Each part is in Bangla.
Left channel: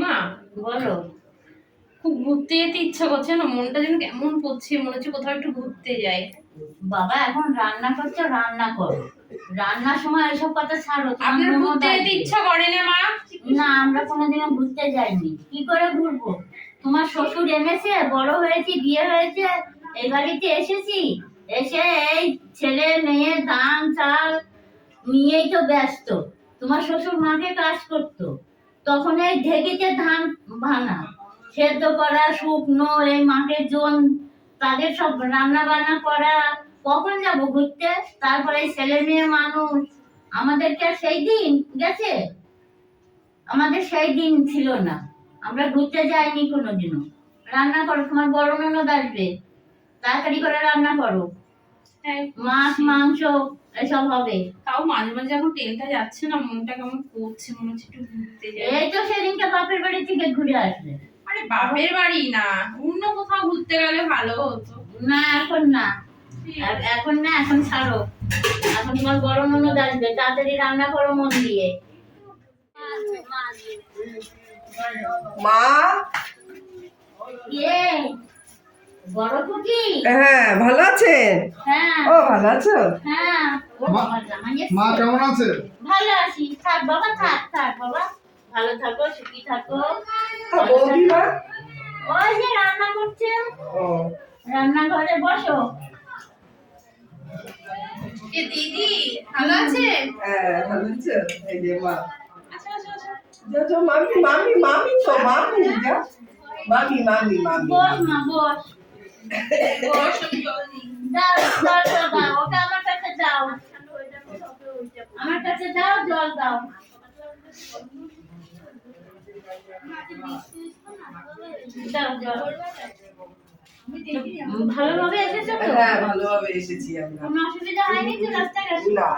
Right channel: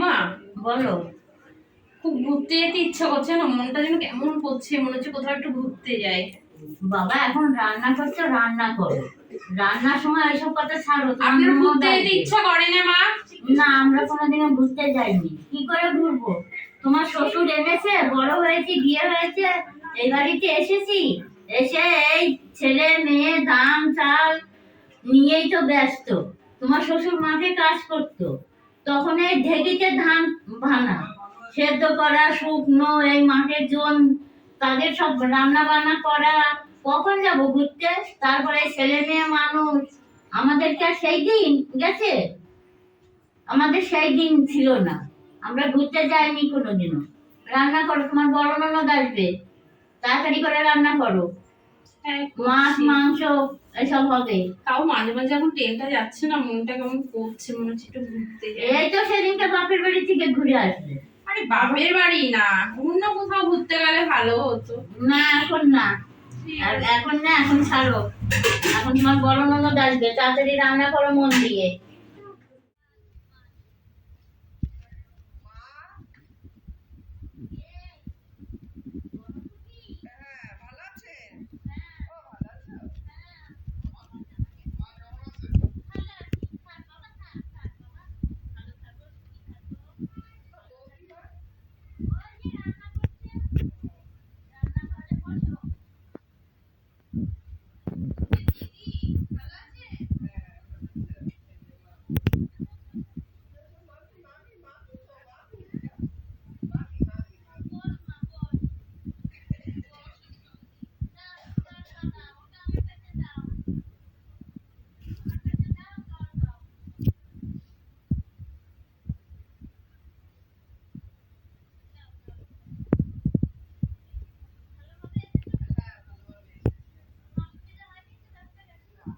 মা বলো। খুব ঘুরতে যেতে ইচ্ছা করছে না? মনটা যেন কেমন করছে মনে হচ্ছে কোথাও একটু ঘুরতে যাই বাবা এখন রান্না করছ রান্না করো। রান্নার সময় এসব কথা ছাড়ো আপনার ঘুরতে যেতে ইচ্ছা করে না মা? না আমরা কোনোদিনও ঘুরতে যাইনি। কি করে ঘুরবো? তোমার শ্বশুর এনেছে বড় হয়েছি বিয়ে হয়েছে এই বাড়িতে এসেছি। এসে এই ছেলে মেয়ে ধান চাল নিয়েই তো ব্যস্ত। তোমার শ্বশুর মাঠে কাজ করতো। তখন এই ঢেকিতে ধান ভানা সেদ্ধ করা শুকনো এই মাঠের জন তাদের সব রান্না বান্না করা কখন যাব ঘুরতে? তারপরে ছেলে মেয়ে মানুষ আমাদেরকে আর সেই দিন গেছে? আমাদের সেই দিন ছিল না। আমরা ঘুরতে যাইনি কোনোদিনও। রান্না করো তোমার বড় ননদ আসবে। তাড়াতাড়ি করে রান্না করো। হ্যাঁ মাছ মাংস এসব হবে। তাও মাঝে মাঝে এখন ট্রেনটা যাচ্ছে না মনটা কেমন করছে মনে হচ্ছে একটু ঘুরতে যাই। এই তো সেদিনকে বাপের বাড়ি থেকে ঘুরে আসবে। আরে বাপের বাড়ি না অন্য কোথাও ঘুরতে গেলে ভালো হতো। না এখন না। এখন না এখন ছাড়ো। এখন তোমার বড় ননদ আসবে তাড়াতাড়ি রান্না করো মন দিয়ে। মা? বড় খুকি? হ্যাঁ ভালো আছেন? হ্যাঁ। ও ভালো আছো? হ্যাঁ। মা- কেমন আছে? ভালো আছি। থাক বাবা থাক থাক বাবা। ভালো থাকো সুখী থাকো। ওই যে রান্না করছে। ও। রান্নাঘরে বসো। দিদি ভালো আছে হ্যাঁ ভালো আছো এই যে মা। আচ্ছা আচ্ছা আচ্ছা। মামি মামি মামি তো মামি যা। মামি মামি মামি বস মা বস। বস, ভালোভাবে এসেছ তো হ্যাঁ ভালোভাবে এসেছি আমরা কোনো অসুবিধা হয়নি তো রাস্তাঘাটে না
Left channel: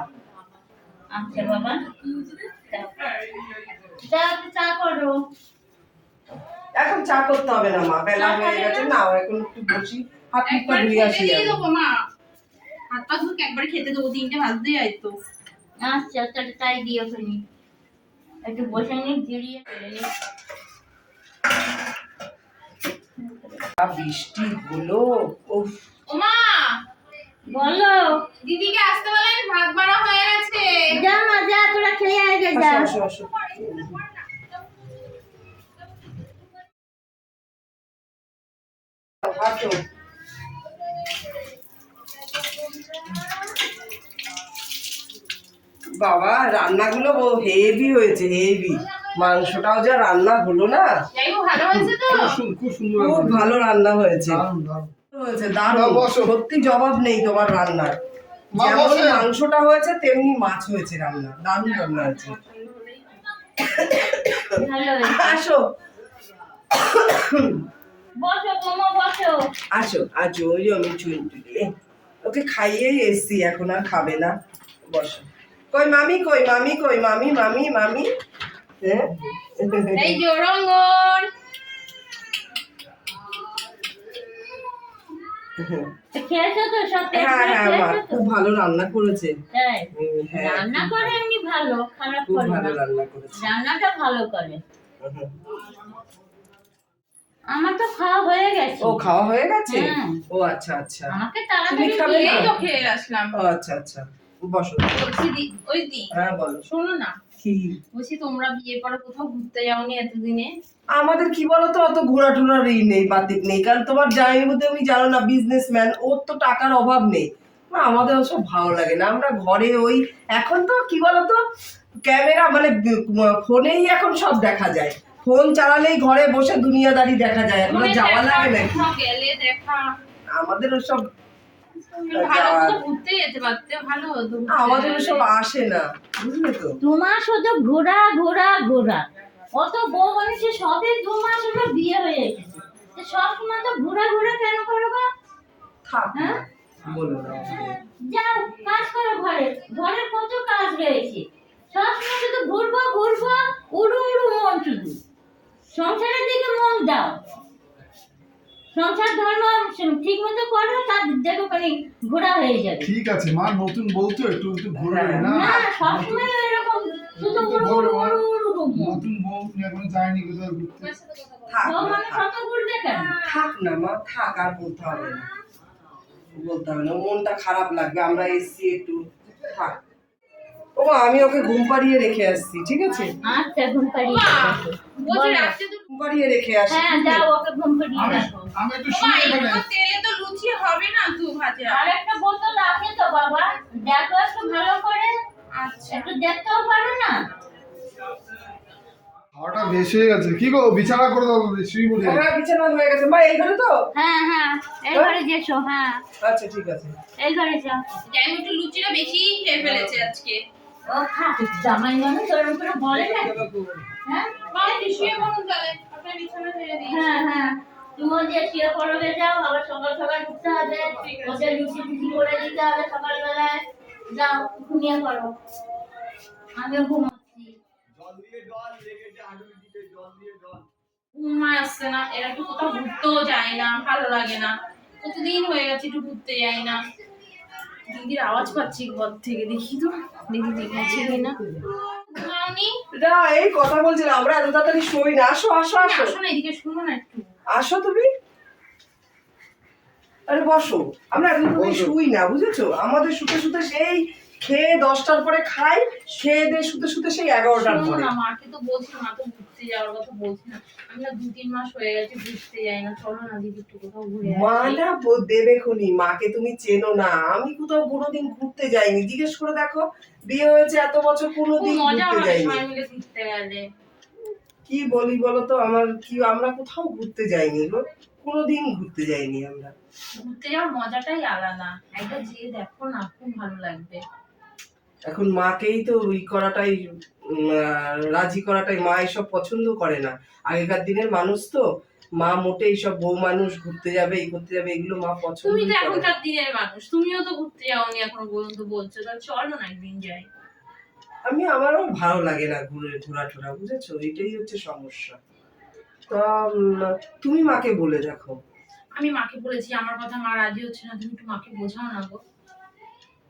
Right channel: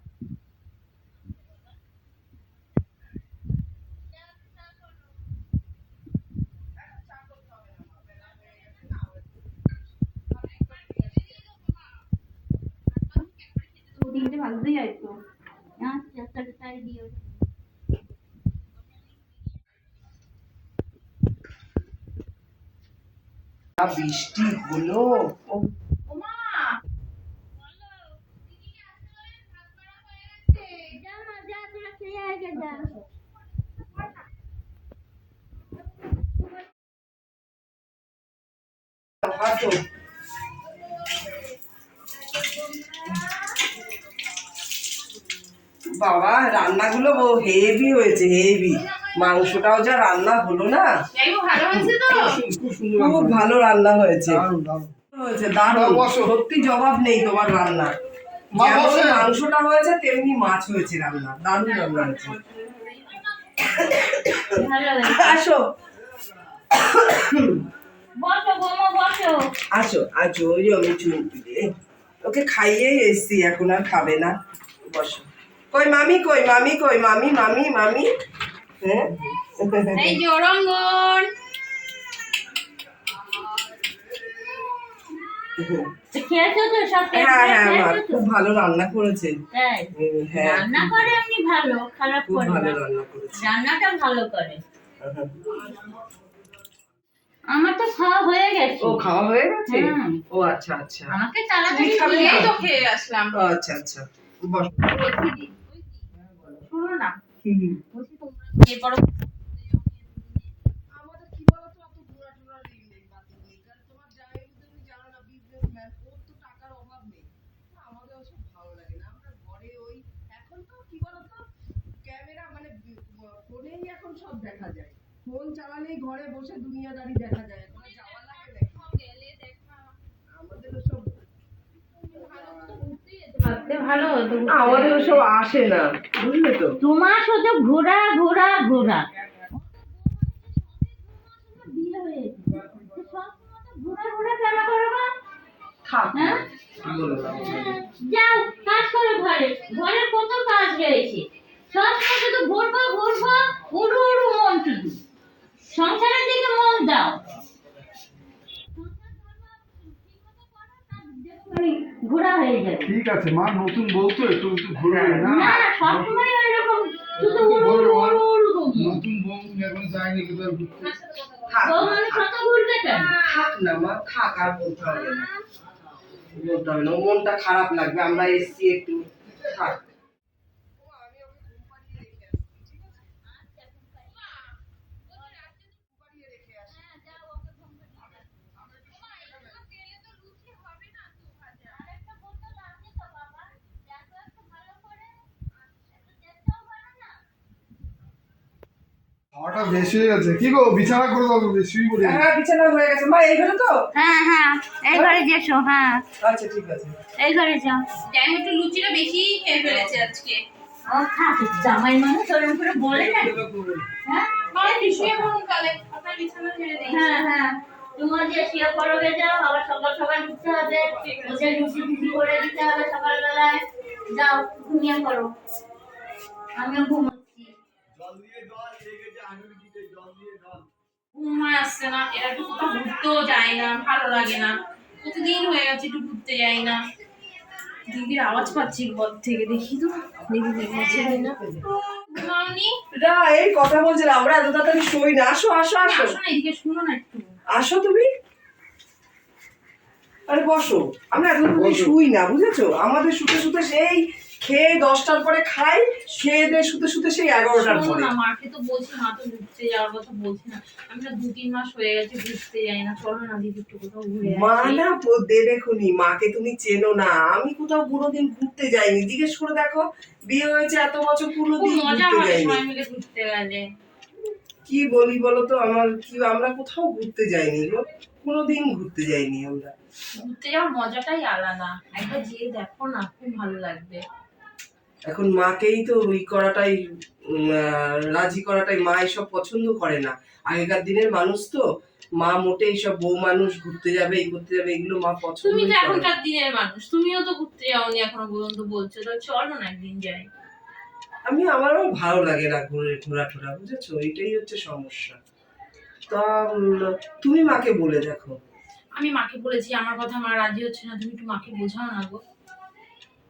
আচ্ছা বাবা একটু চা করো এখন চা করতে হবে না মা। বেলা হয়ে গেছে, না এখন একটু বসি। হাত মুখটা ধুয়ে আসি দিয়ে আমি। দেবো মা। হাত পা ধুয়ে একবার খেতে দেবো তিনটে বাজতে যায় তো। আচ্ছা তাহলে তাই দিও তুমি একটু বসে নি জিরিয়ে ফেলে নি। বৃষ্টি গুলো ওমা বলো। দিদিকে আসতে বলেন ভাত বাড়া হয়ে গেছে। যা মা যা তোরা খেয়ে আগে যা। আসো আসো আসো। বাবা রান্নাগুলো হেভি হয়েছে হেভি মাংসটাও যা রান্না হলো না। যাই হোক ভালো হয়েছে তো? খুব সুন্দর খুব ভালো রান্না হয়েছে। দারুণ সত্যি জবাব নেই তোমার রান্নার। যেমন মাংসটা হয়েছে তেমনি মাছ হয়েছে রান্না। দারুণ রান্না হয়েছে। আসো। বসো বোমা বসো। আসো আসো ওই আমি চুন তুলি। ওকে খাইয়েই এসছি এখন আর খাবে না। বসো। কই মামি কই মামি কই মামি মামি মামি? হ্যাঁ? এই হ্যাঁ হ্যাঁ মা খুব ভালো রান্না করেছে। তাই? হুম, রান্না করে এমনি ভালো খারাপ করে ভালো রান্না করেছে। রান্নাটা ভালো করে। আমার তো খাওয়া হয়ে গেছে। ও খাওয়া হয়ে গেছে? ও আচ্ছা আচ্ছা। আমাকে তাড়াতাড়ি দিয়ে তো খেয়ে আসলাম। ও আচ্ছা আচ্ছা। বসো। ওই দি। হ্যাঁ বলো। শোনো না। কি? বলছি তোমরা বিয়ে পরে কোথাও ঘুরতে যাওনি এতদিনে? আমাদের কি বলতো অত ঘোরা টোরার ই নেই বাতিক নেই। কারণ তোমার জামাইয়ের মধ্যে আমি জানো না বিজনেসম্যান ওর তো টাকার অভাব নেই। না, আমাদের ওসব ভালো লাগে না। আমরা ঘরে ওই এখন তো কি বলতো ক্যামেরা মানে ফোনেই এখন সব দেখা যায়। ফোন চালালেই ঘরে বসে দুনিয়াদারি দেখা যায়। এখন যাওয়া লাগে না। আমাদের ওসব আমাদের গেলে। ওসব আসে না বুঝলে তো? তোমার শুধু ঘোরা ঘোরা ঘোরা। অত বউ মানুষের সবে দু মাস হলো বিয়ে হয়ে এসেছে সব সময় তো ঘোরা ঘোরা কেন করব থাক হ্যাঁ? যাও কাজ করো ঘরে। ঘরের কত কাজ রয়েছে। সবসময় শুধু ঘুরবো ঘুরবো উড়ু উড়ু মন শুধু সংসারের দিকে মন দাও। সংসার ধর্ম ঠিক মতো করো তার দেখো খালি ঘোরা হয়ে যাবে। ঠিক আছে মা নতুন বউ তো একটু একটু ঘুরবে না। না সবসময় এরকম শুধু উড়ু উড়ু উড়ু। নতুন বউ এখন যায়নি কোথাও ঘুরতে। কথা বলো। থাক বউ না, মানে। কত ঘুরবে কেন? থাক না মা থাক আর বলতে হবে না। বলতে হবে না মনটা খারাপ লাগবে আমরা এসছি একটু। থাক। ও আমি ওকে ঘুম পাড়িয়ে রেখে আসছি ঠিক আছে? আচ্ছা ঘুম পাড়িয়ে মা, পাড়িয়ে রেখে আসি হ্যাঁ যাও ওকে ঘুম পাড়িয়ে আমি রাখো একটু তেলে তো লুচি হবে না তু ভাজা। আর একটা বোতল আছে তো বাবা। দেখো একটু ভালো করে। আচ্ছা। একটু দেখতেও পারো না? খাওয়াটা বেশি হয়ে গেছে। কি গো বিছানা করে দাও তুমি পড়ি হ্যাঁ বিছানা হয়ে গেছে। মা এই ঘরে তো? হ্যাঁ হ্যাঁ এই ঘরে যেসো হ্যাঁ। আচ্ছা ঠিক আছে। এই ঘরে যাও। যাই একটু লুচিটা বেশি খেয়ে ফেলেছে আজকে। ও থাক জামাই মানুষ ওরকম করে বলে না? হ্যাঁ? শুয়ে পড়ুন তাহলে? আপনার বিছানা ছেড়ে দিই হ্যাঁ হ্যাঁ। তুমিও যে শুয়ে পড়বে যাও আবার সকাল সকাল উঠতে হবে। ওদের লুচি টুচি করে দিতে হবে সকালবেলায়। যাও ঘুমিয়ে পড়ো। আমিও ঘুমোচ্ছি। ঘুমায় আসছে না। এরা একটু কোথাও ঘুরতেও যায় না ভালো লাগে না। প্রতিদিন হয়ে গেছে একটু ঘুরতে যাই না। দিদির আওয়াজ পাচ্ছি ঘর থেকে দেখি তো। না। এই কথা বলছিলাম আমরা এত তাড়াতাড়ি শুই না। আসো আসো আসো। আসো এদিকে শুনো না আসো তুমি। আরে বসো। আমরা এত তাড়াতাড়ি শুই না বুঝেছ? আমাদের শুতে সুতে সেই খেয়ে দশটার পরে খাই খেয়ে দিয়ে শুতে শুতে সেই এগারোটার পরে। না মাকে তো বলছি মা তো ঘুরতে যাওয়ার কথা বলছি না। আমি না দু তিন মাস হয়ে গেছে ঘুরতে যাই না। চলো না দিদি একটু কোথাও ঘুরে মা না দেবে খুনি মাকে তুমি চেনো না। আমি কোথাও কোনোদিন ঘুরতে যাইনি। জিজ্ঞেস করে দেখো বিয়ে হয়েছে এত বছর কোনোদিন ঘুরতে যাইনি। ঘুরতে গেলে। কি বলি বলো তো আমার কি আমরা কোথাও ঘুরতে যাইনি গো কোনোদিন ঘুরতে যাইনি আমরা। ঘুরতে যাওয়ার মজাটাই আলাদা। একবার যেয়ে দেখো না খুব ভালো লাগবে। এখন মাকেই তো ওই করাটাই রাজি করাটাই মা এসব পছন্দ করে না। আগেকার দিনের মানুষ তো মা মোটে এইসব বউ মানুষ ঘুরতে যাবে এই করতে যাবে এগুলো মা পছন্দ তুমি তো এখনকার দিনের মানুষ তুমিও তো ঘুরতে যাওনি এখনও পর্যন্ত বলছো তো চলো না একদিন যাই। আমি আমারও ভালো লাগে না ঘুরে ঘোরা টোরা বুঝেছ? এটাই হচ্ছে সমস্যা। তা তুমি মাকে বলে দেখো। আমি মাকে বলেছি আমার কথা মা রাজি হচ্ছে না তুমি একটু মাকে বোঝাও না গো।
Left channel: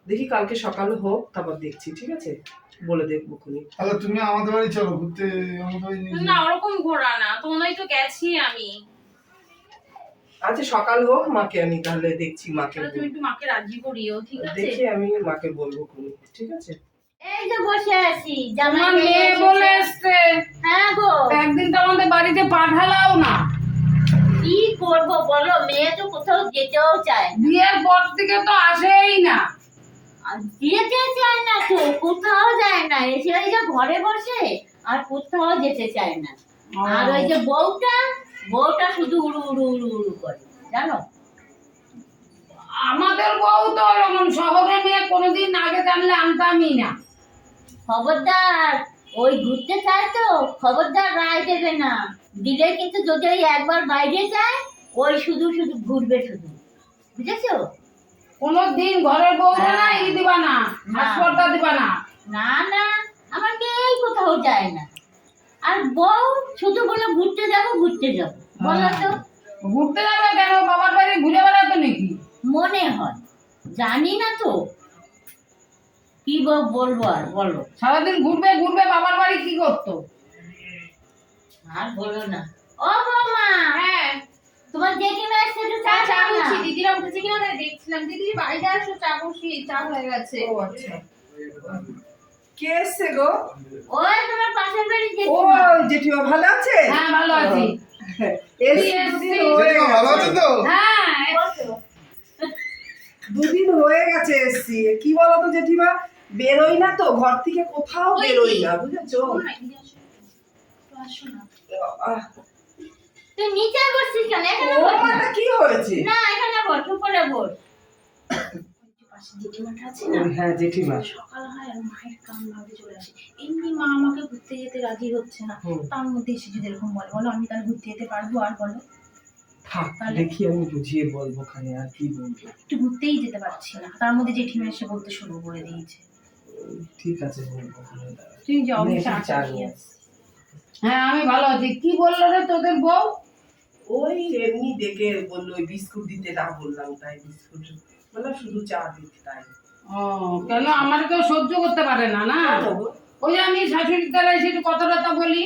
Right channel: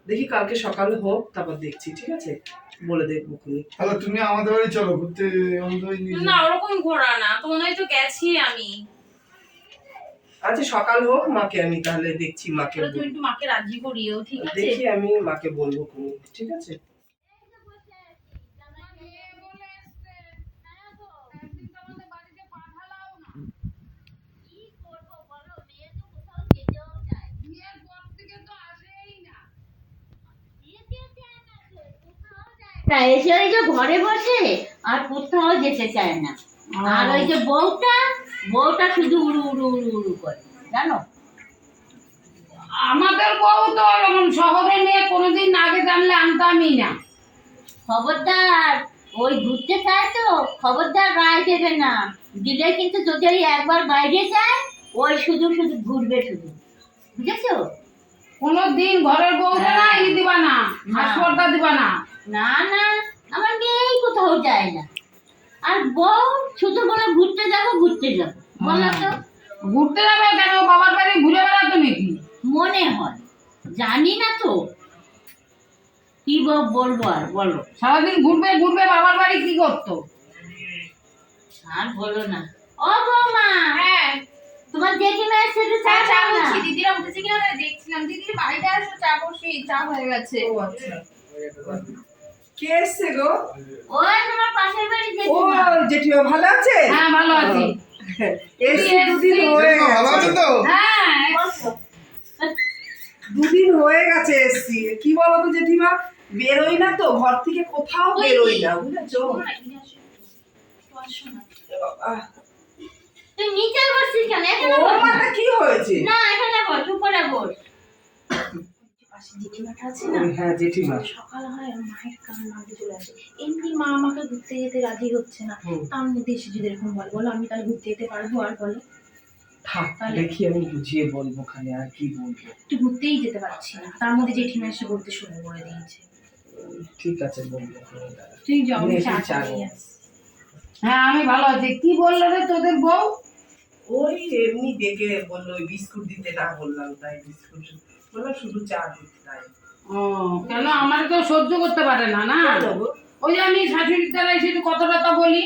দেখি কালকে সকালে হোক তারপর দেখছি ঠিক আছে? বলে দেখব খুনি তাহলে তুমি আমাদের বাড়ি চলো ঘুরতে আমাদের বাড়ি নিয়ে না ওরকম ঘোরা না তোমাদের তো গেছি আমি। আচ্ছা সকাল হোক মাকে আমি তাহলে দেখছি মাকে তুমি একটু মাকে রাজি করিও ঠিক আছে? দেখি আমি মাকে বলব খুনি ঠিক আছে? এই যে বসে আছি আমার মেয়ে বলে এসছে। হ্যাঁ গো। একদিন তো আমাদের বাড়িতে পাঠালাও না। কি করব বলো মেয়ে তো কোথাও যেতেও চায় বিয়ের পর থেকে তো আসেই না। যেতে চায় না তো কোথাও যায় না। এসে ওই যে ঘরে বসে আর কোথাও যেতে চায় না। আর ওই যে বউটা বউটা শুধু উড়ু উড়ু উড়ু উড়ু করে জানো? আমাদের বউ তো শহরে মেয়ে কোনোদিন আগে জানলে আনতামই না। খবরদার ওই ঘুরতে চায় তো খবরদার রায় দেবে না। দিলে কিন্তু যদি একবার বাইরে যায় ওই শুধু শুধু ঘুরবে শুধু। বুঝেছ? কোনো দিন ঘরের বউ না হ্যাঁ। ই দিবা না হাসপাতাল দিবা না। না না আমার মেয়েই কোথাও যায় না। আর বউ শুধু বলে ঘুরতে যাব ঘুরতে যাব। বলো তো। ঘুরতে যাবে কেন? বাবার বাড়ি ঘুরে বেড়াতো নাকি? মনে হয়। জানি না তো। কি বল- বলব আর বলো। সারাদিন ঘুরবে ঘুরবে বাবার বাড়ি কি করতো? আর বলো না। ও বৌমা হ্যাঁ। তোমার জেঠিমা এসে একটু চা হ্যাঁ চা। বলছি দিদিরা উঠেছে কিনা তাই দেখছিলাম। দিদির বাড়িতে আসো চা বসি চা হয়ে গেছে। ও আচ্ছা। কে এসছে গো? ওই তোমার পাশের বাড়ি ও জেঠিমা। জেঠিমা ভালো আছে? হ্যাঁ ভালো আছি। এসছি দুদিন হয়ে জেঠিমা ভালো আছে তো? হ্যাঁ দুদিন হয়ে গেছে এসছি। কি বলো তো জেঠিমা? বেরোই না তো ঘর থেকে কোথাও বেরোই না বুঝেছ? আসো। না। তুই নিচে বসছিস কেন? এখানে বস। মাথা কি হয়েছে? না এখানে বস উপরে বস। পাশে জেঠিমাটা আছে না? হ্যাঁ জেঠিমা। সকাল হয় আর মায়ের কান ভাঙতে চলে আসে। এমনি মা আমাকে ঘুরতে যেতে রাজি হচ্ছে না। তার মধ্যে এসে যদি এরকম বলে বলো আমি তাহলে ঘুরতে যেতে পারব আর বলে। থাক দেখি আমি বুঝিয়ে বলব খানে আর কি বলব। একটু ঘুরতেই যেতে পারছি না। তার মধ্যে জেঠিমা এসে বলতে শুরু করে দিয়েছে। ঠিক আছে বলব তুই যাও চা। হ্যাঁ আমি ভালো আছি। কি বলল রে তোদের বউ? ওই এমনি ডেকে বলল ওই বিস্কুট দিতে না বললাম তাই বিস্কুট। বললাম শুধু চা দিতে তাই। ও কেন? আমার কেউ সহ্য করতে পারে না না? ওই আমি শাশুড়ির দ্বারা এসে একটু কথা বলি।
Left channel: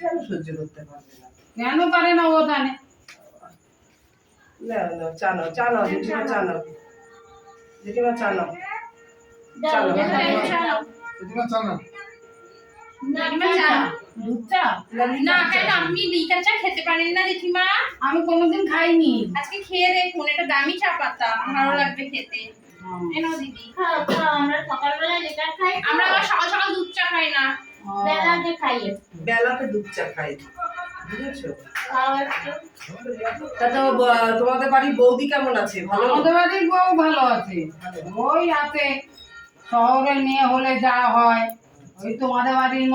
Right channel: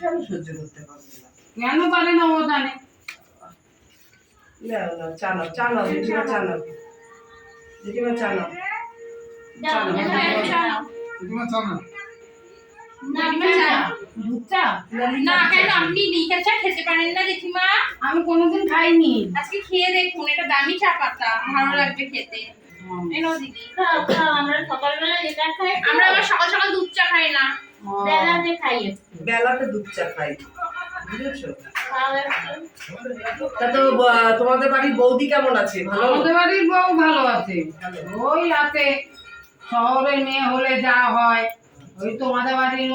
কেন সহ্য করতে পারবে না? কেন পারে না ও জানে? নাও নাও চা নাও চা নাও জেঠিমা চা নাও। জেঠিমা চা নাও। চলো, চলো। দাও। জেঠিমা চা না জেঠিমা চা দুধ চা না কেন? আপনি লিকার চা খেতে পারেন না জেঠিমা? আমি কোনোদিন খাইনি। আজকে খেয়ে দেখুন এটা দামি চা পাতা। ভালো লাগবে খেতে। দিদি। আমরা সকালবেলা যেটা খাই। আমরা আবার সকাল সকাল দুধ চা খাই না। বেলাতে খাই বেলাতে দুধ চা খাই। বুঝেছ? তা তো তোমাদের বাড়ির বৌদি কেমন আছে? ভালো? আমাদের বাড়ির বউ ভালো আছে। ওই আছে শহরের মেয়ে হলে যা হয়। ওই তোমাদের বাড়ির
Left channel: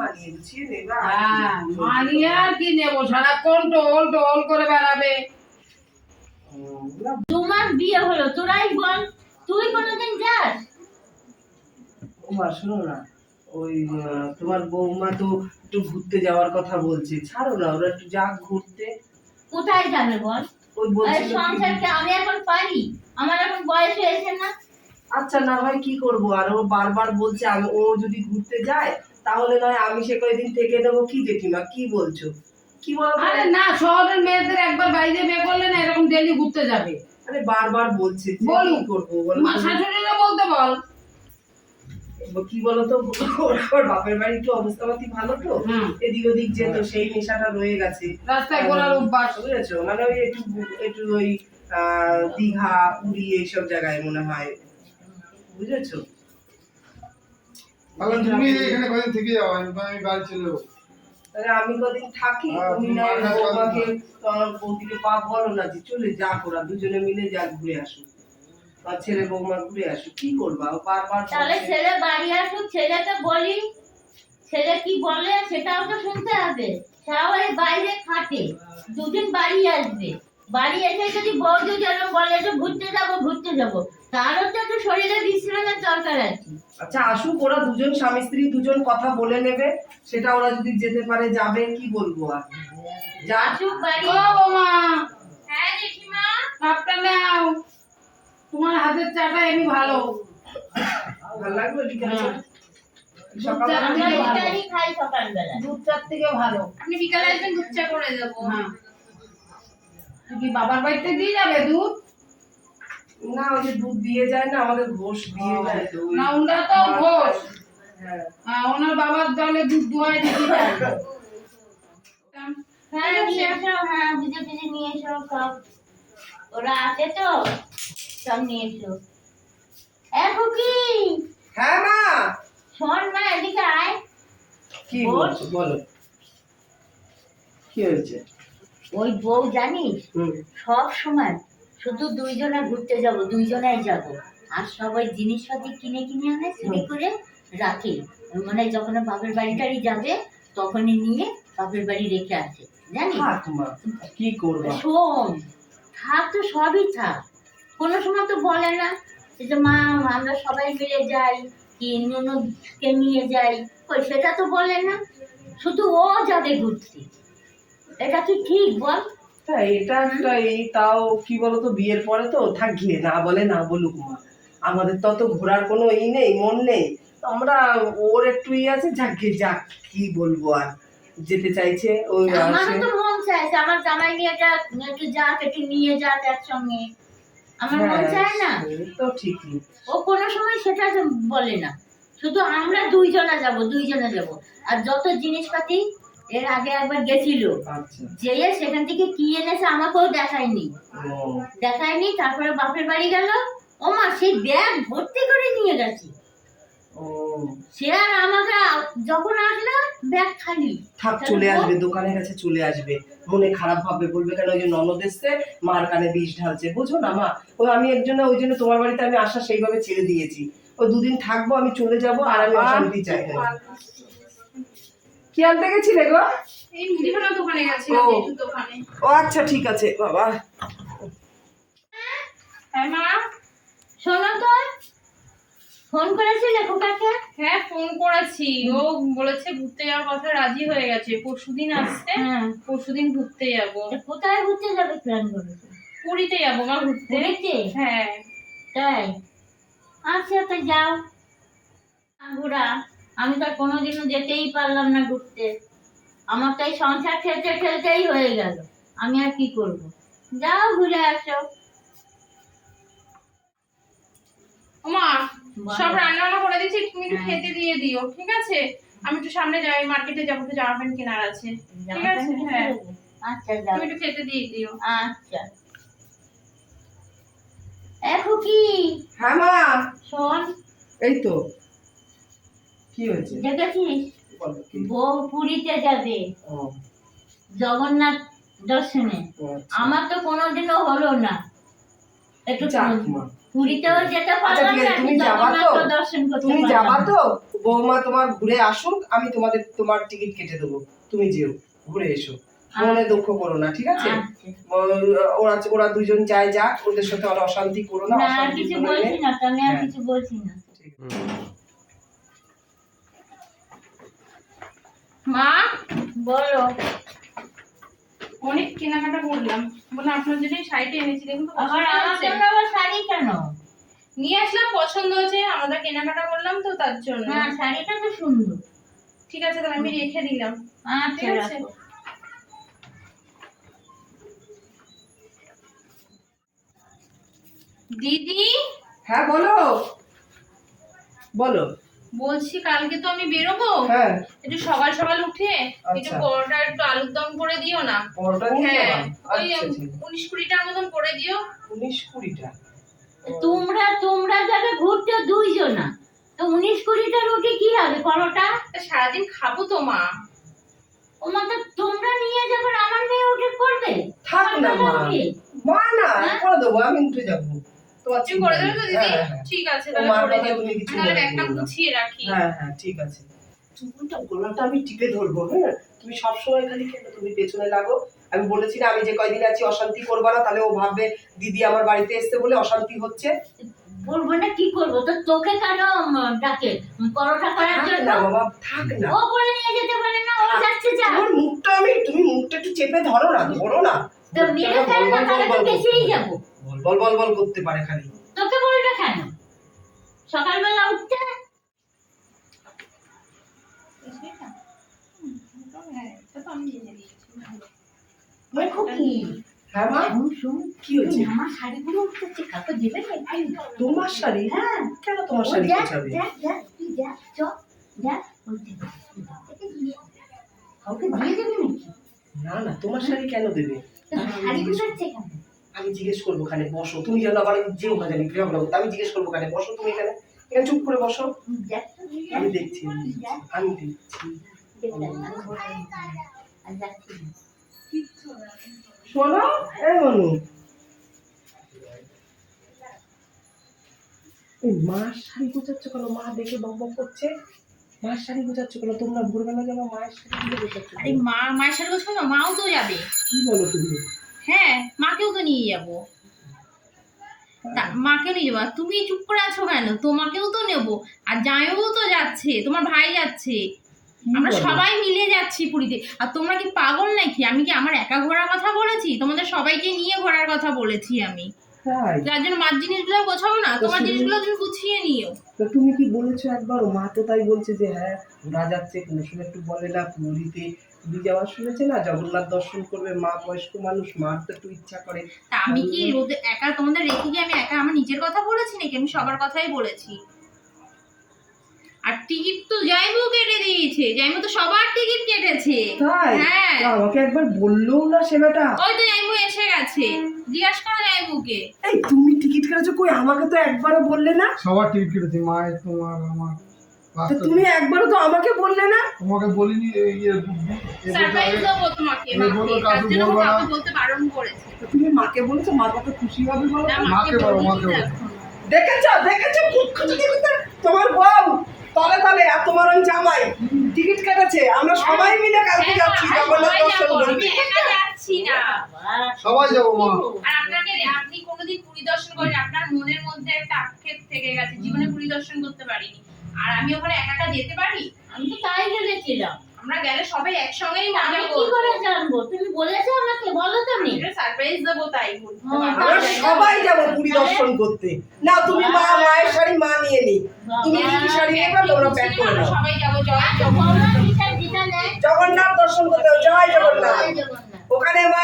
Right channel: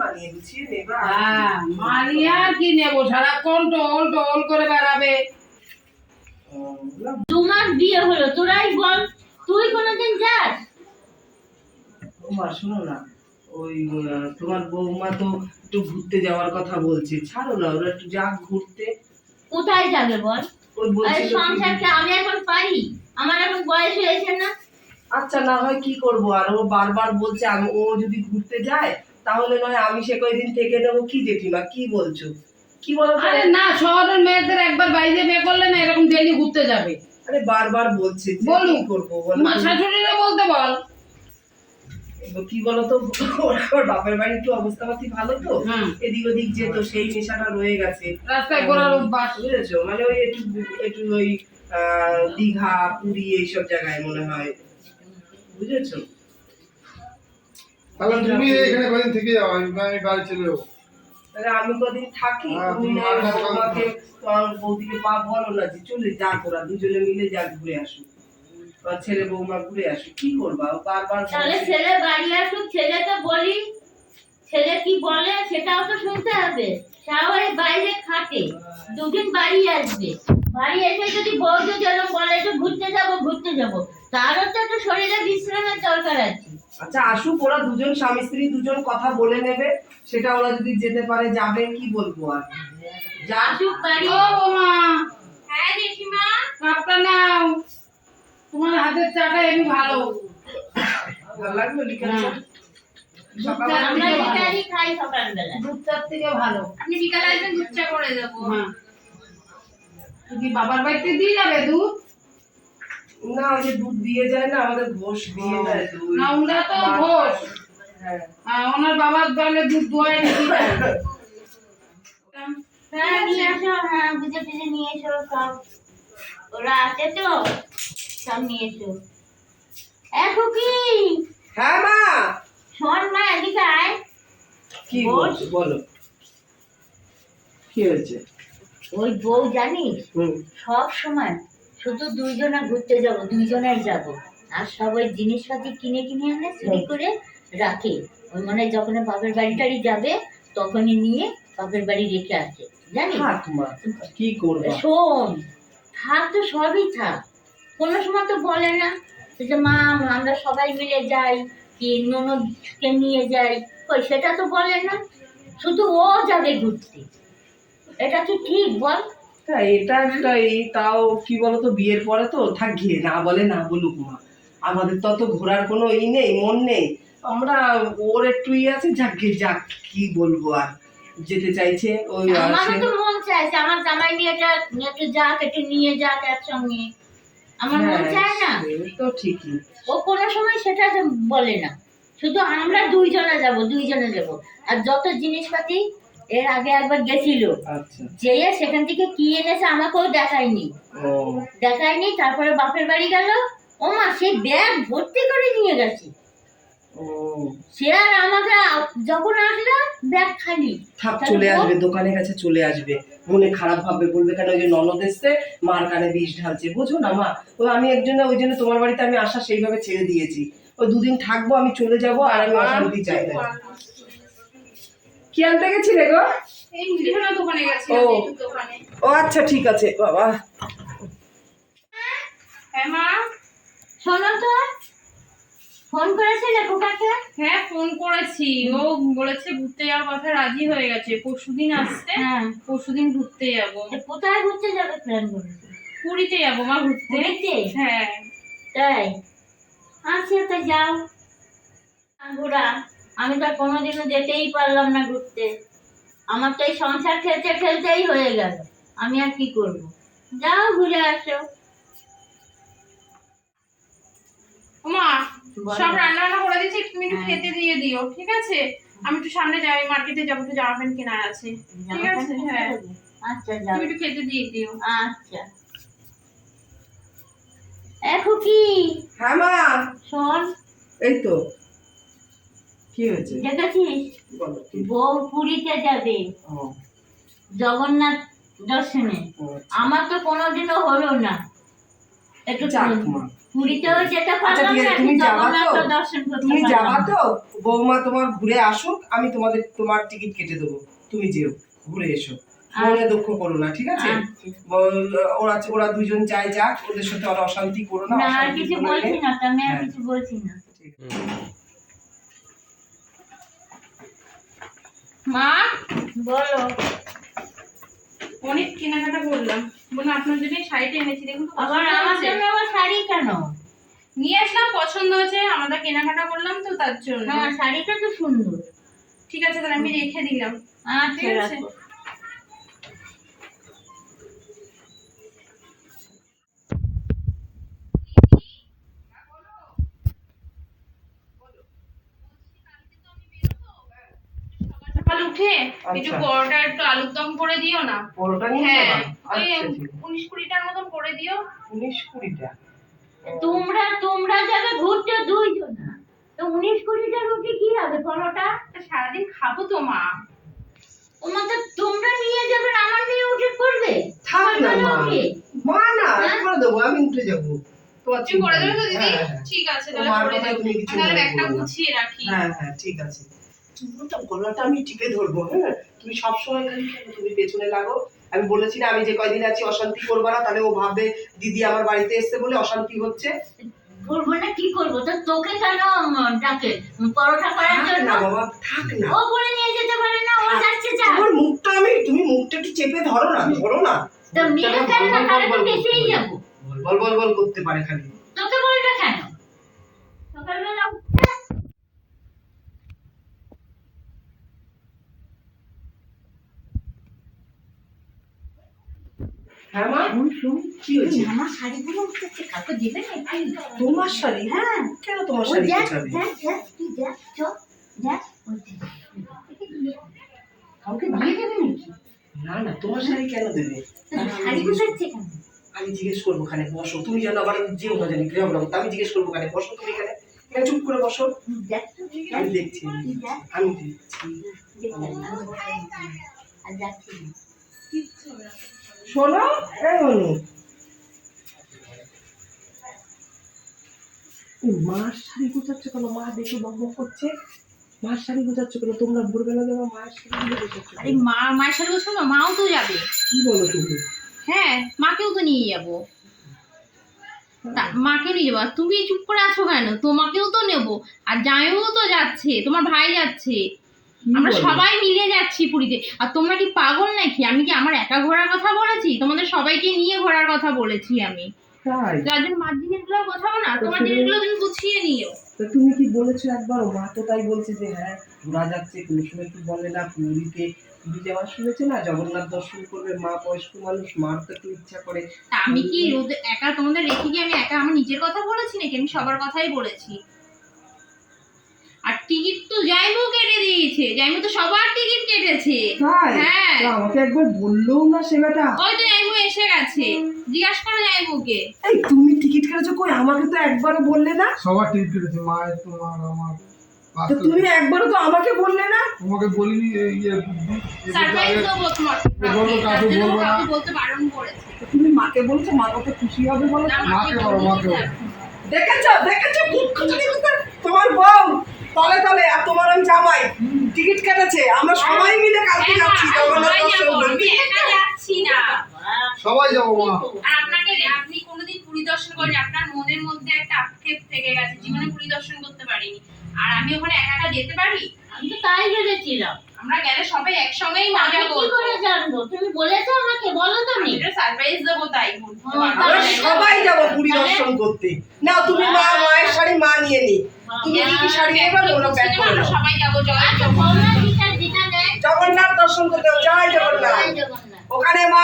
মানিয়ে গুছিয়ে নেবা। হ্যাঁ মানিয়ে আর কি নেব? সারাক্ষণ টোল টোল করে বেড়াবে। মাস বিয়ে হলো তোরাই বল। তুই কোনোদিন যাস? বৌমা শোনো না। ওই তোমার বৌমা তো একটু ঘুরতে যাওয়ার কথা বলছে। ছাড়ো না ওরা একটু যাক ঘুরতে। কোথায় যাবে বল? ওই সংসারকে আমি এখন পারি। আমার এখন বয়স হয়েছে না। আচ্ছা না হয় কি করব? আর ও বারবার বলছে আমি ও যদি ঘুরতে যায় তাহলে নয় আমি সে কয়দিন থেকে নেব কি জেঠিমা কি বলছো? কি বলো আরে না শহরের মেয়েদের একবার বাইরে বিয়ে করলে না এরকম ডেলি ঘুরতে যাবে। আরে বারবার বলছে যে বলুক। কি করব বলো তুমি? বলতে বল। কি বলতো ওর বাপের বাড়ি একটু অবস্থাপাতি ভালো তো? এদিক ওদিক যেত সেই নেশাটা রয়ে গেছে। রাস্তায় ঘোরার অভ্যাস। বুঝেছ? মানে ওই একটু একটু ওই আহ, দীঘা পুরী এইসব জায়গায় মনে হয়। বুঝেছ? তাহলে তুমি এখানে কদিন থেকে যাও? আমি আমি বাড়ি চলে যাব। তাহলে আমি কদিন থাকি হ্যাঁ, তুমি না বৌমাকে তোমার বৌদিকে পা বলো না যে চলে যা ওরা দুজনে মিলে যা ঘুরে তোমার ছেলে বৌমা ঘুরে আসুক কি করবা? বারবার তাহলে ছেলে বাড়ি আসুক ছেলেকে বলি। ছেলে কি বলে সেটাও তো শুনতে হবে। বাইরে খাটে দুদিন বাড়ি আসবে। বাড়ি এসে যদি বউ যদি বলে একটু ঘুরতে যাব ঘুরতে যাব। তারও তো একটু শরীরে বিশ্রামের দরকার আছে। আচ্ছা আসুক ওরা দুজন স্বামী স্ত্রী দুজন কথা বলে নেবে সেটা ওরা যদি যেতে পারে যাবে কি বলব আর? যা। আসুক বাড়ি। ও বৌমা। হ্যাঁ জেঠিমা। কাপটা নাও। তোমার হাতের চাটা এমনি ভালো। ভালো লাগল বিকেল হ্যাঁ। চা আমরা থেকে ভালো। বিকালই খাই সকালবেলা। দুধ চার থেকে ভালো। আপনি বিকালে আসবেন দুধ চা করে দেবো। হ্যাঁ। কি বাবার বাড়িতে দিয়ে যাবে দুধ? না ওই যে দুধ দিয়ে যায় না আমাদের ঘোষ দিয়ে ওই- না ওনারা তো ঘোষ। হ্যাঁ। হ্যাঁ, ওনার বাবার দলে দুধ দোয়াই নাকি দেয়। হ্যাঁ নিয়ে এসো হ্যাঁ বুঝে বুঝে নিয়ে এসো সব। ওরা আছে তো সব নিয়ে এসো। এখন কি হ্যাঁ মা! শোন মা এদিকে আয়। কি বলছো? বলো। কি হয়েছে? ওই বউ জানিস? সব সময় শুধু দুইজনে ঘুরতে যাব দুইজনেই যাব। আর সবাই ওই জিনিসপাতি কিনে কিনে আনে চুরি করে রাখে। ওই মানে যখন বাপের বাড়ি টাড়ি যাবে তখনই নিয়ে বাপের বাড়ি রেখে আসে। জানিস? কি করবা? শোন থাক তো সবই থাক। কোনো সময় তো বলে না। যে মা আমরা সবাই মিলে যাই কি ননদকে নিয়ে যাই। কই সেটা তো বলে না। শুধু ও যাবে ঘুরতে। এটা কি ঠিক বল? হ্যাঁ এটা একটা এই তাও কি বলতো বিয়ের পরে তো থাক গিয়ে না বলে না বলুক মা। আমাদের তো অত ঘোরার কোনো ই নেই মন নেই। আমরা ওর একটু ই আছে যাক গিয়ে যাক কি বলব আর। যেতে চাইছে ওই আমারও আসে তো মন চাইছে আমার জামাই নিয়ে এটা একটু যাক একটু নিয়ে যাক একসঙ্গে। আমার মন হ্যাঁ, চায় না। তো ঠিকই। ও কোনো সময় সেটা বলে না। শুধু আমরা দুইজনে যাব দুইজনে যাব। আর যত জিনিসপাতি এর আগে একবার গেছিল। আচ্ছা। যেয়ে সেখান থেকে কি এনেছে আমাকেও দেখায়নি। দেখায়নি তারপরে বাপের বাড়ি গেল। ও মা সেই ব্যাগ ভর্তি করে নিয়ে গেছে। সে আর আমাকে যখন আসলো ব্যাগ খালি। থাক চলে আসবে দোকানের কাছে চলে আসবে। মনে খারাপ ভাববে বলবে কেন ওই যে ননদ এসছে মার কানে বিষ ঢালছে। বোঝো না মা? ও আমি একজন ওই জন্য তোমার বাড়িতে আমি আসা সেইভাবে ছেড়ে দিয়েছি। ও দুদিন থাকব আমি চলে যাব আর আমি অশান্তি চাই না। কি আনতে গেছিলে গো? এই মুদিখানা দোকানে গেছি ও। ও আচ্ছা ঠিক আছে বাবা। হ্যাঁ মা? শোনো তো ফোন করেছিলে খোকাকে? হ্যাঁ ফোন করেছি। ও বলেছে ঘুরতে যাওয়ার কথা রাজি হয়ে গেছে। পরশুদিন আসতে হ্যাঁ। পরশুদিন ঘুরতে যাব। কোথায় ঘুরতে যাবে প্ল্যান করেছে? পুরীতে যাব মা ঘুরতে। হ্যাঁ। তাই? আচ্ছা তো যাও। ঘোরা আমি তো কোনোদিনও যেতেই পারলাম না ঘুরতে। আমার তো এই সংসার খেলতে খেলতেই হয়ে গেল। আমি আর কি করব? যাও ঘুরে আসো। বলো। সব রান্না বান্না করে দিচ্ছি তুমি একটু হ্যাঁ। খেতে দিয়ে দিও ঠিক আছে? আমি একটু সামনে যাই মার্কেটে যাব একটু জামা প্যান্ট কেনার আছে। ঠিক আছে? হ্যাঁ। আচ্ছা যাও। তুমি একটু খেতে দিয়ে দিও। আচ্ছা। এখন কি হ্যাঁ মা। শোন। এই তো। কি হয়েছে? দেখেছিস বউ পুরীতে যাবে। জগন্নাথ দর্শনে। আচ্ছা। আমার তো কোনোদিনও হলো না। একটু পুরীতেও যেতে পারব আচ্ছা, না? জগন্নাথ দর্শন করতে তুমি যাবা তো? বৌমা তোমার ঘুরে আসুক আমি তোমাদের তোমার টিকিট কেটে দেবো। তুমি যেও ঘুরে এসো। মনে দুঃখ করো না ঠিক আছে? আচ্ছা। ওরা ওরা দুজন যায় যাক ওদের সাথে আর অশান্তি করো না অশান্তি কিছু বলছি না আমি আর হ্যাঁ। কিছু বলছি না ঠিক আছে। মা? বলো। অনেক কেনাকাটা করলাম। বলে আপনার জন্য শাড়িটা এনেছি দেখুন আবার আমার জন্য আবার শাড়ি কেন? নিয়ে আসলাম পছন্দ হয়েছে আমরা কেনাকাটা করলাম তো তার জন্য। হ্যাঁ শাড়িটা তো সুন্দর। ঠিক আছে তাহলে আমি রেখে দিলাম। আচ্ছা ঠিক আছে। দিদি? হ্যাঁ বলো। বলো। বলছি কালকে তো আমি বেরোবো। হ্যাঁ। একটু সকাল সকাল উঠে একটু আচ্ছা। পরোটা একটু আলুর দম করে দিও না। পরোটা হ্যাঁ ওই আচ্ছা আছে। উনিশ কুড়িটার মতন করে দিও। উনিশ কুড়িটা? তোমরা তোমরা যাবে ঘুরতে দুইজনা। তো উনিশ কুড়িটা রুটি কি হবে পরোটা? সারাদিন খাব তো মা। ওমা তো তোমরা নিয়ে যাবে আমার মেয়ে উঠে করবে থাক না মা। মা না হ্যাঁ? করে দেবো আমি উঠে যাব। তুমি করে দেবে দিদি? হ্যাঁ, হ্যাঁ। ঠিক আছে তাহলে করে দেবো। তাহলে একটা গুছিয়ে রাখি। হ্যাঁ হ্যাঁ ঠিক আছে। তোমারটা গলাটা আমি টিপে ধরবো হ্যাঁ? তুমি সবসময় খালি কেন? তুমি পেছনে লাগো। আমি বলেছি না আমি যে কয়দিন আছি অশান্তি করব না। তাহলে ও ভাববে দিদি আমার বাড়িতে এসছে বলে অশান্তি হচ্ছে। বলব না কি করব? তো তোকে কেন ডাকে? পরোটা করার জন্য? না বাবা থাক না। ও করে নিয়ে যেতে পারে না ও যাচ্ছে যা। তোমার মুখটা আমি তুমি মুখটা একটু চেপে ধরো না ধরো না। তো মেরে ফেল না তাহলে তো বেঁচেই যাব। বল বল বল করতে পারে খালি। তোকে বলবে কেন? সকালবেলা উঠতে? কি? হ্যাঁ তোমার শাড়ি? হ্যাঁ। কেন তোমার শাড়ি। কাউকে দিয়ে দেবে নাকি না না তোমার শাড়ি কেন দেবে? শাড়ি গুছাচ্ছে কেন আমি জিজ্ঞেস করব খানে বসো। তুমি যেন আবার যেও না জানি গ্রাম গৃহ আমি জিজ্ঞেস করব খানে বসো তুমি এখানে। এখানে চুপ করে বসো। আমি দেখছি আমি দেখছি। শোনো এই অনু এই মার শাড়ি গোছাচ্ছে কেন? মা দেখে বক বক করছে। শাড়ি গোছাচ্ছে কেন? তোমরা ভোরবেলা যাব মায়ের শাড়ি গোছাচ্ছে আরে মা মায়ের বলছো না মাও তো যাবে। কি বলো তুমি? হ্যাঁ মাকেও তো নিয়ে যাব। মাকে নিয়ে যাব। তুমি চুপ করে আছো কেন? তোমাকেও তো নেব। আর জামাইও তো যাচ্ছে তোমার ভাই যাচ্ছে। আমরা সবাই মিলে যাচ্ছি পুরীতে। আর তোমরা কি পাগল নাকি? আমি কি আমার একা ঘোরার কথা বলেছি? তোমাদের সবাইকে নিয়ে ঘোরার কথা বলেছি আমি। যার জন্য মার জিনিসগুলো গোছাবো না তোমার জিনিসগুলো তুমি গুছিয়ে নিও। তা তুমি কি বলেছ একবার? মা তো তাই বলছে যে হ্যাঁ ঘোরা যাচ্ছে কোনো সময় একটু বলে না পুরীতে পুরী যাওয়ার শুনেছে না জগন্নাথ দর্শন করবে মা বয়স্ক মানুষ মার তো একটু ইচ্ছা করে। তা আমি কি রোজ একা তোমাদের রেখে কি আমি একা আমার নিজের কথা বলেছি নাকি? আমি সবার কথাই বলেছি। আর টিকিট তো যাইবো কেটে দিয়েছে যাইবো তো সবার টিকিট কেটেছে। হ্যাঁ। আমাকে একবার বললেও না সে বেটা ওই তো এসে গেছে। জিজ্ঞাসা করো যাইবুকে এই তুমি টিকিট কেটেছো কই? আমাকে তো একবারও বললে না। সবার টিকিট কেটেছি মায়ের তোমার আমার তো তুমি একবারও তো আমাকে বললে না? তোমাকে বলিনি এই ইয়ে সারপ্রাইজ দেবো তোমাকে মাকে। বলতে বারণ করেছে। তো তুমি মাকে বলেছ মা কত খুশি হবে বলো? মাকে বলো, মাকে দেখেছ দেখেছ? করতে তোমার বউ তলে তলে আর তোমার ওই জামাই টিকিট কেটেছে। আমরা সবাই মিলে কালকে হ্যাঁ, যাচ্ছি হ্যাঁ, জগন্নাথ সবাই দর্শন করতে। যাচ্ছি না। সবাই যাব মা। আর আপনাকে আপনি কোনোদিন পুরী দর্শন করেন আপনার মনের মধ্যে একটা আক্ষেপ থেকে গেছে জীবনে পুরী দর্শন করতে পারিনি। আর আমি ওখানে একা একা যেতে পারি? আমি তো তাই ভেবেছিলাম। আমরা গেলে সবাই একসঙ্গেই আমি মজা কি করে জানব? তুমি বলেছ আমাকে বলো তুমি এটা সারপ্রাইজ দেবো তাই বলতে আমরা না। সবাই যাব পুরী দর্শন করতে। না তুমি মা মায়ের শাড়ি মা নিয়ে নি। তুমি কি কি শাড়ি নেবে ওরা প্যাক করে নাও। সবাই যাব জয় আচ্ছা জগন্নাথ দর্শন করতে হবে। জয় জগন্নাথ। জয় জগন্নাথ। ওখানে মা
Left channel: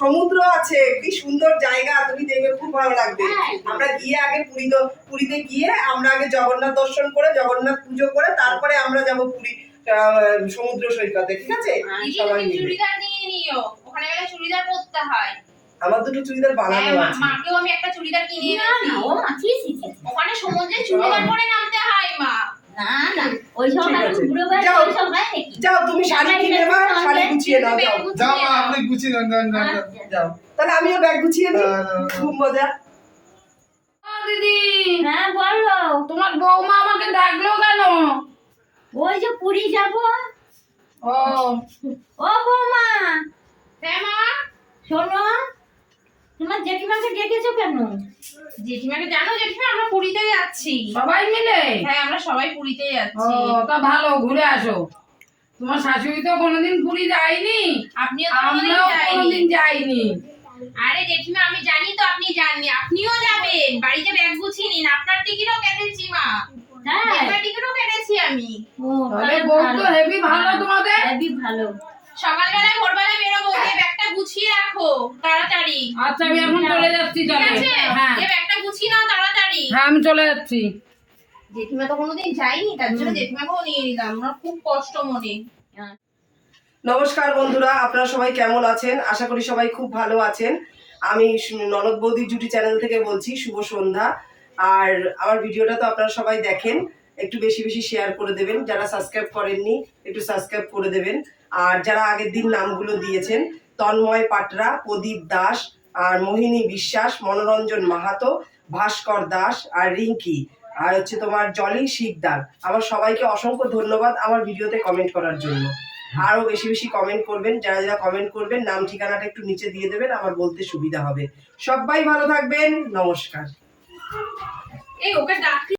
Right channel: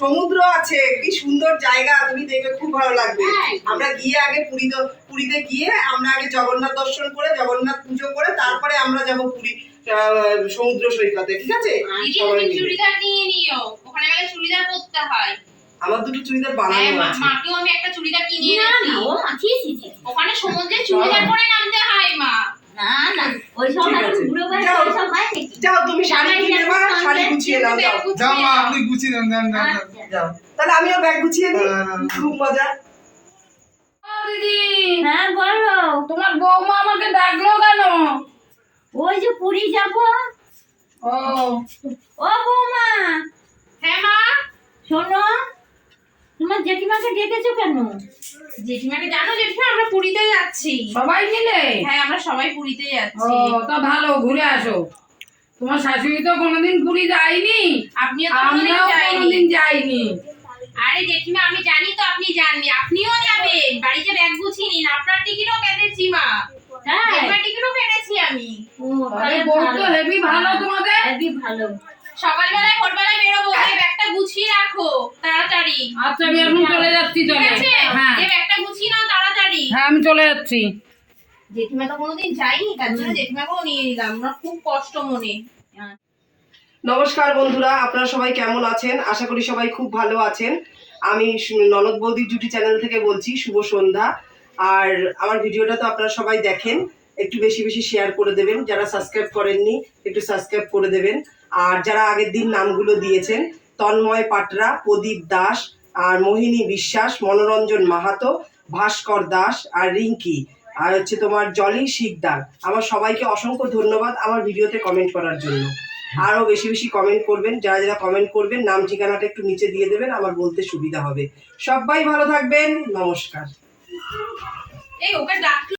সমুদ্র আছে কি সুন্দর জায়গা তুমি দেখবে খুব ভালো লাগবে। হ্যাঁ। আমরা গিয়ে আগে পুরী পুরীতে গিয়ে আমরা আগে জগন্নাথ দর্শন করে জগন্নাথ পুজো করে তারপরে আমরা যাব পুরী সমুদ্র সৈকতে ঠিক আছে? সবাই চুড়িদার নিয়ে নিও ওখানে গেলে চুড়িদার পরতে হয়। আমার দুটো চুড়িদার হ্যাঁ বানানো আছে। মাকেও আমি একটা চুড়িদার কিনে এনেছি। ওখানে সমুদ্রে চুড়িদার পরে নামতে হয় মা। না না ওই সব বুড়ো বয়সে ওই সব হয় নাকি? যাও তুমি শাড়ি কিনে মা শাড়ি গুছিয়ে নাও যাও। যাও মা আপনি গুছিয়ে নেন যান যান যান। যাও। তাহলে আমিও ব্যাগ গুছিয়ে নিই। খুব মজা। দিদি। হ্যাঁ বলো। তোমার বৌমা আমাকে ডাকলো কেন? ওই যে পুরী যাব। ও। ও বৌমা। হ্যাঁ মা। শোনো তোমার জেঠিমাকে ডেকেছো কেন? জেঠিমাকে জানো জেঠিমা আমরা পুরীতে যাচ্ছি। সবাই মিলে? হ্যাঁ আমরা সবাই পুরীতে ও তা ভালো ঘুরে আসো। তোমার শাশুড়ি তো কোনোদিন পুরী যায়নি। আপনিও তো আমরাও কোনোদিন যাইনি। আরে জেঠিমা আমি জানি তো আপনি যাননি। আপনিও যাবেন। বাড়িতে ব্যাগ গুছিয়ে নিন। আপনার টিকিটও কেটেছি মা। আপনার টিকিটও কেটেছি আমি। বউ তো ভালো। হেভি ভালো তোমাদের। ভালো। সকালবেলায় ভোরবেলায় বেরোবো ব্যাগটা গুছিয়ে রাখো তাড়াতাড়ি। আচ্ছা আমি এখন চলে যাচ্ছি ঠিক চলে আছে? হ্যাঁ। যে ব্যাগটা গুছিয়ে নাও তাড়াতাড়ি। হ্যাঁ আমি চলে যাচ্ছি। জেঠিমা তো কোনোদিন যাইনি তার জন্য জেঠিমাকেও নিয়ে নিলাম। আমার খুব কষ্ট মনে। নমস্কার বন্ধুরা আপনারা সবাই কেমন আছেন? আশা করি সবাই খুব ভালো আছেন। আমি ননদ বৌদি জুটি চ্যানেল থেকে বলছি শুভ সন্ধ্যা। আর আমার ভিডিওটা তো আপনারা সবাই দেখেন। একটু বেশি বেশি শেয়ার করে দেবেন। যারা সাবস্ক্রাইব করেননি একটু সাবস্ক্রাইব করে দেবেন। আর যারা আগের দিন নামগুলো দিয়েছেন তন্ময় পাটরা, প্রদীপ দাস আর মোহিনী বিশ্বাস, মনোরঞ্জন মাহাতো, ভাস্কর দাস আর রিঙ্কি। আর হচ্ছে তোমার জলি শিকদার। আমার সবাইকে অসংখ্য ধন্যবাদ আমার ভিডিওতে কমেন্ট করার জন্য। আরও বেশি বেশি কমেন্ট করবেন, যারা যারা কমেন্ট করবেন, নাম ঠিকানাটা একটু নিচে দিয়ে দেবেন, আমার বলতে সুবিধা হবে। সবাই ভালো থাকবেন, নমস্কার। এই ওকে